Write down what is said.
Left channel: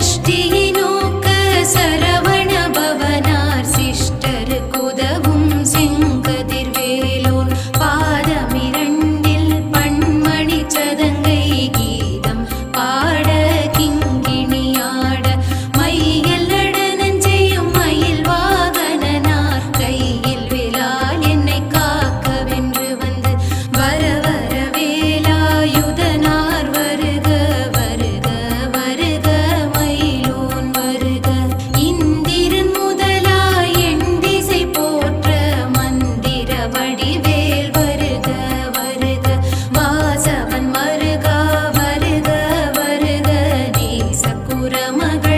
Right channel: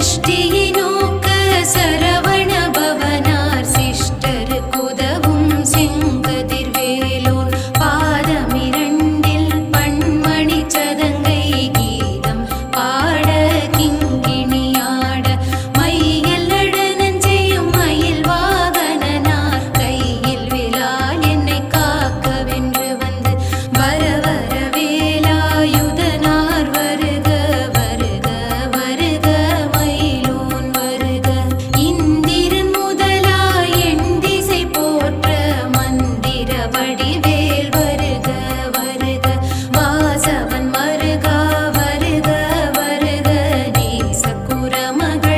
ஷ்டியை நோக்க சரவண பவனார் சிஷ்டருக்குதவும் செங்கதிர்வேலோன் பாதமிரண்டில் பண்மணி சதங்கை கீதம் பாட கிங்கிணியாட மையல் நடனஞ்செய்யும் மயில் வாகனனார் கையில் விலால் என்னை காக்கவென்று வந்து வர வர வேலாயுதனார் வருக வருக வருக மயிலோன் வருக இந்திரன் முதலாய் என் திசை போற்ற மந்திர வடிவேல் வருக வருக வாசவன் மருகா வருக வருக நேசக்குர மகள்